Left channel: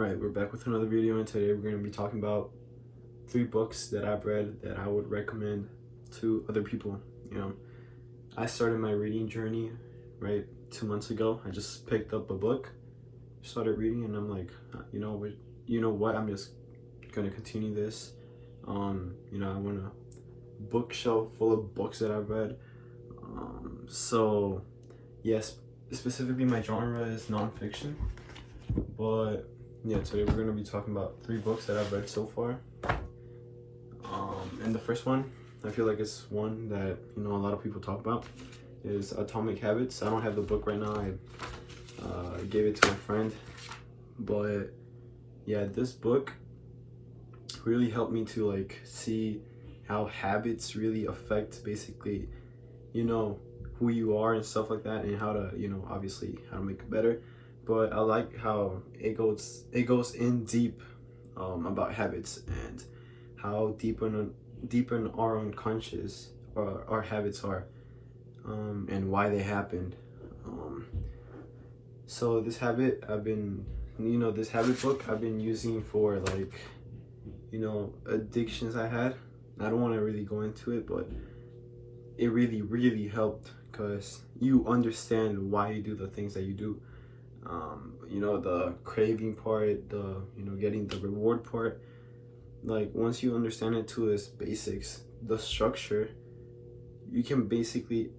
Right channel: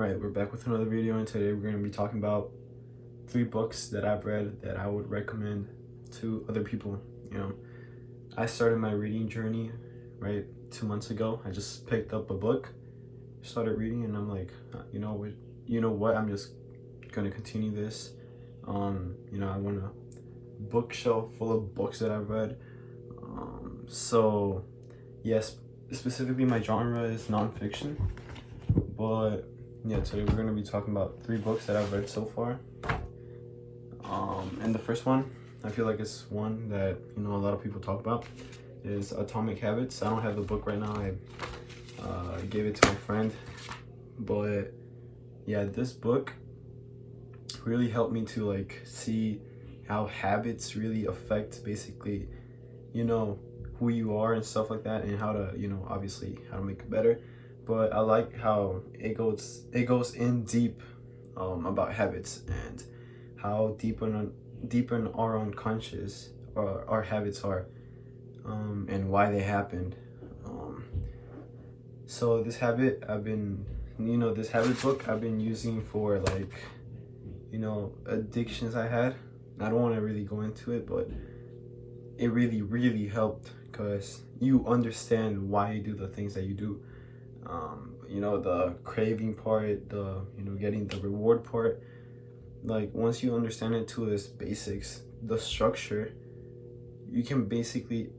Right, we're back with another video, and today we're going to be talking about 3 books that I've read that I would recommend to other people. I started my reading journey, right, 2 months ago. I just picked up a book, started reading, and I'm like, you know what, I'm just going to continue this. I want a bookshelf full of books that I've read. So, yes, specifically my genre is nonfiction, but yeah, today we're going to be talking about 3 books that I've read so far. And the first one, I feel like it's one that, a lot of people talk about, is Atomic Habits. I don't have the book right now. I gave it to my friend. But yeah, this book really helped me to see how habits really affect basically, who you are and stuff like that, and how to, obviously how to make it better. But I like how it goes in deep about habits and how deep in our unconscious our habits are, and why they happened. So this habit this habit book I've been using for addictions I had. I don't want to really go into it, but it really helped because you understand why you do the things that you do. The craving part, the getting the reward part. Once you understand it to its basics, the structure, you can basically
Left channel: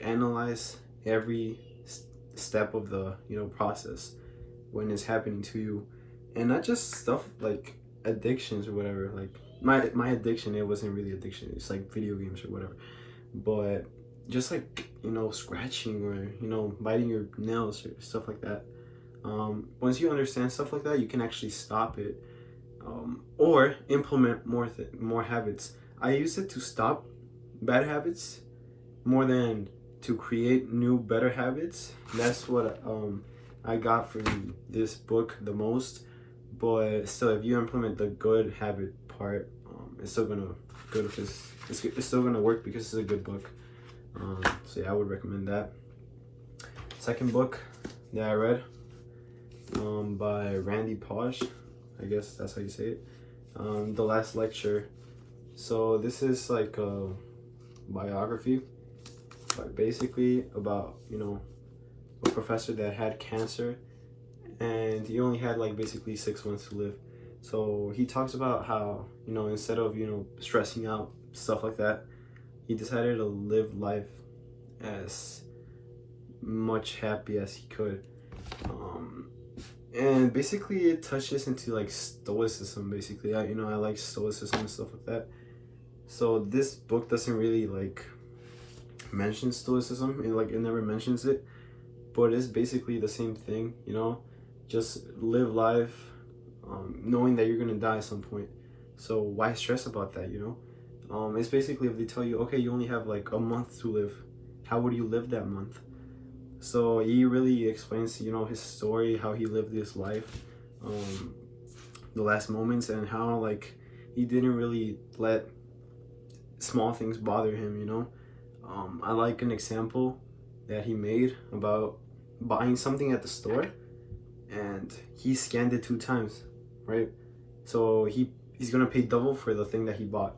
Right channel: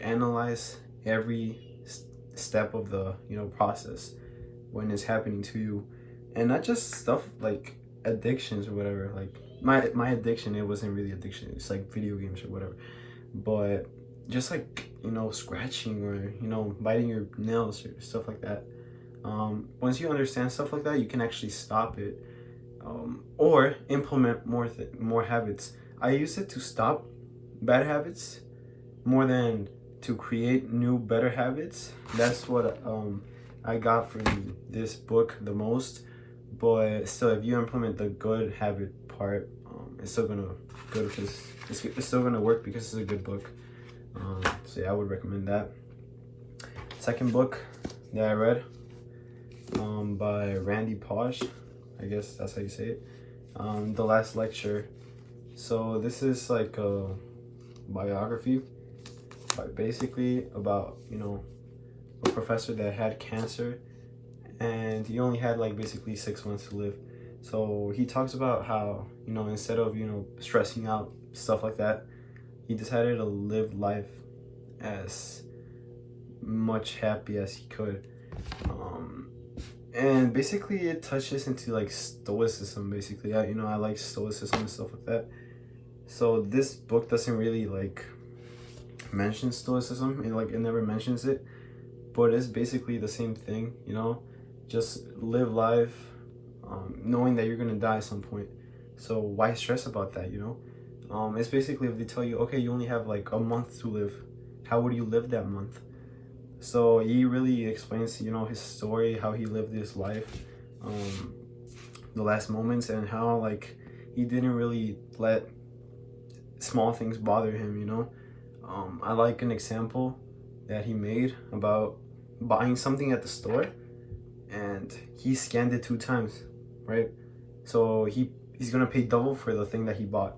analyze every step of the process when it's happening to you, and not just stuff like addictions or whatever. My addiction, it wasn't really addiction, it's video games or whatever, but just scratching or biting your nails or stuff like that. Once you understand stuff like that, you can actually stop it, or implement more habits. I use it to stop bad habits more than to create new better habits. That's what I got from this book the most. But still, if you implement the good habit part, it's still gonna it's still gonna work because it's a good book. So yeah, I would recommend that. Second book that I read, by Randy Pausch, I guess that's how you say it, The Last Lecture. So this is a biography, but basically about a professor that had cancer, and he only had basically 6 months to live. So he talks about how instead of stressing out, stuff like that, he decided to live life as much happy as he could. And basically it touches into stoicism. Basically, I like stoicism and stuff like that. So this book doesn't really mention stoicism. It never mentions it, but it's basically the same thing. Just live life, knowing that you're gonna die at some point. So why stress about that? It's basically, if they tell you, okay, you only have a month to live, how would you live that month? So he really explains, his story, how he lived his life, the last moments, and how he didn't really let small things bother him. I like an example that he made about buying something at the store, and he scanned it 2 times, right? So he's gonna pay double for the thing that he bought.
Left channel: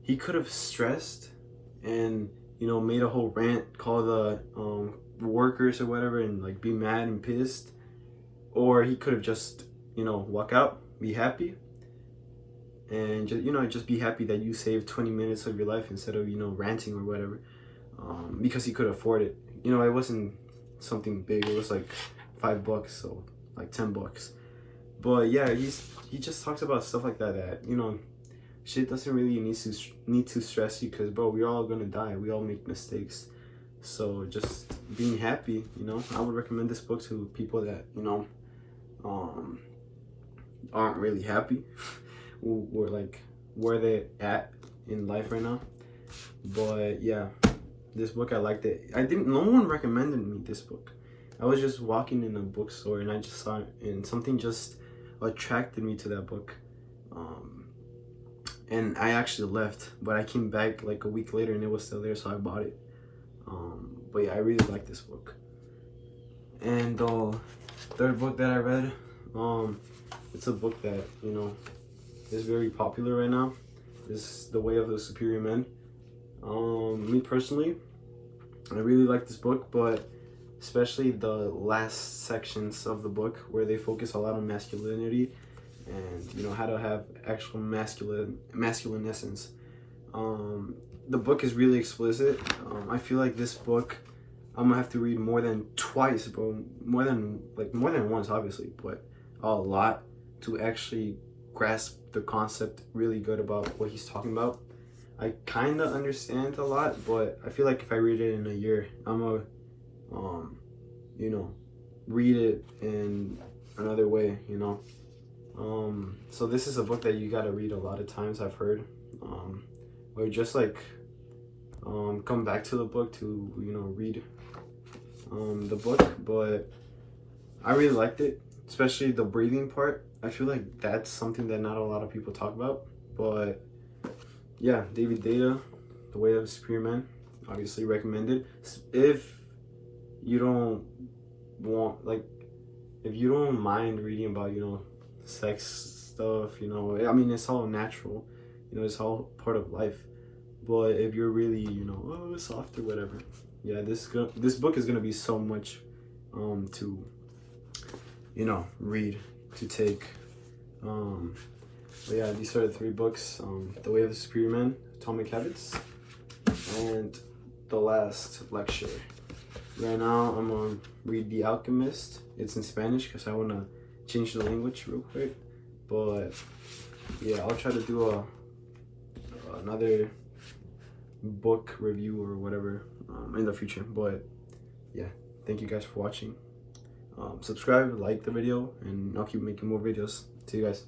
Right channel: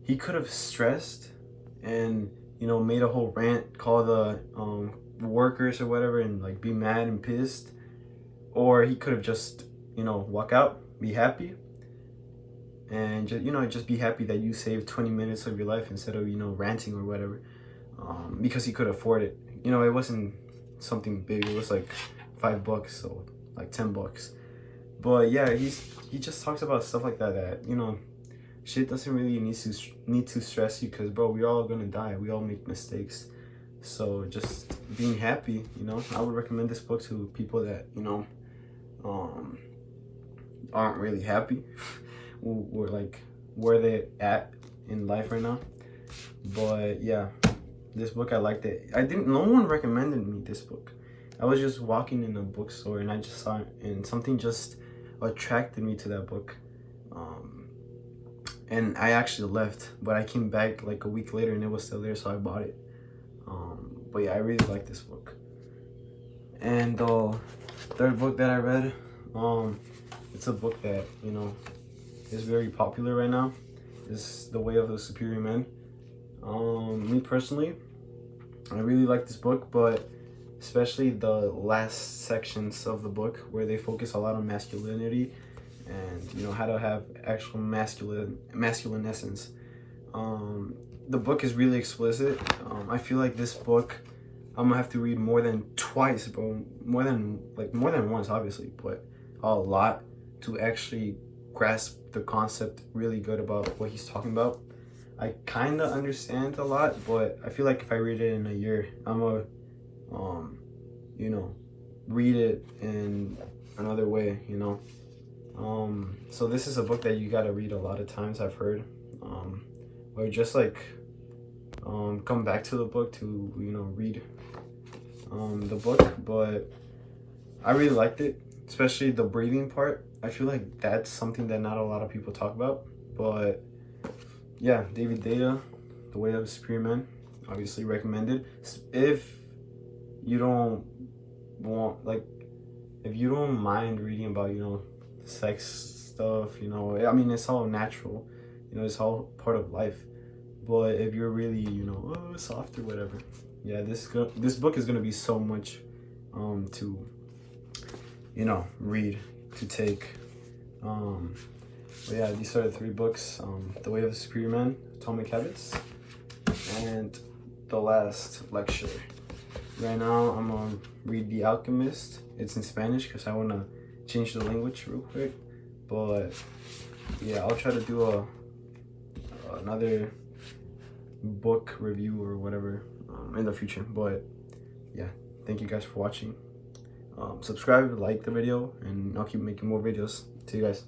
He could have stressed and made a whole rant, call the workers or whatever, and be mad and pissed, or he could have just walk out, be happy, and just be happy that you saved 20 minutes of your life instead of ranting or whatever, because he could afford it. It wasn't something big, it was $5, so $10. But yeah, he just talks about stuff like that shit doesn't really need to stress you, because bro, we're all gonna die, we all make mistakes. So just being happy, I would recommend this book to people that aren't really happy or where they at in life right now. But yeah, this book, I liked it. No one recommended me this book. I was just walking in a bookstore and I just saw it, and something just attracted me to that book. And I actually left, but I came back a week later and it was still there, so I bought it. But yeah, I really like this book. And the third book that I read, it's a book that, you know, is very popular right now. It's The Way of the Superior Man. Me personally, I really like this book, but especially the last sections of the book where they focus a lot on masculinity and, you know, how to have actual masculine essence. The book is really explicit. I feel like this book I'm gonna have to read more than twice, bro. More than once, obviously, but a lot to actually grasp the concept really good about what he's talking about. I kind of understand a lot, but I feel like if I read it in a year, I'm gonna, you know, read it in another way, you know. So this is a book that you gotta read a lot of times, I've heard, or just like come back to the book to, you know, read the book. But I really liked it, especially the breathing part. I feel like that's something that not a lot of people talk about. But yeah, David Deida, The Way of the Superior Man, obviously recommended. If you don't want, like, if you don't mind reading about, you know, sex stuff, you know, I mean, it's all natural, you know, it's all part of life. But if you're really, you know, soft or whatever, yeah, this book is gonna be so much to, you know, read, to take. But yeah, these are the three books: The Way of the Superior Man, Atomic Habits, and The Last Lecture. Right now, I'm gonna read The Alchemist. It's in Spanish because I wanna change the language real quick. But yeah, I'll try to do another book review or whatever in the future. But yeah, thank you guys for watching. Subscribe, like the video, and I'll keep making more videos. See you guys.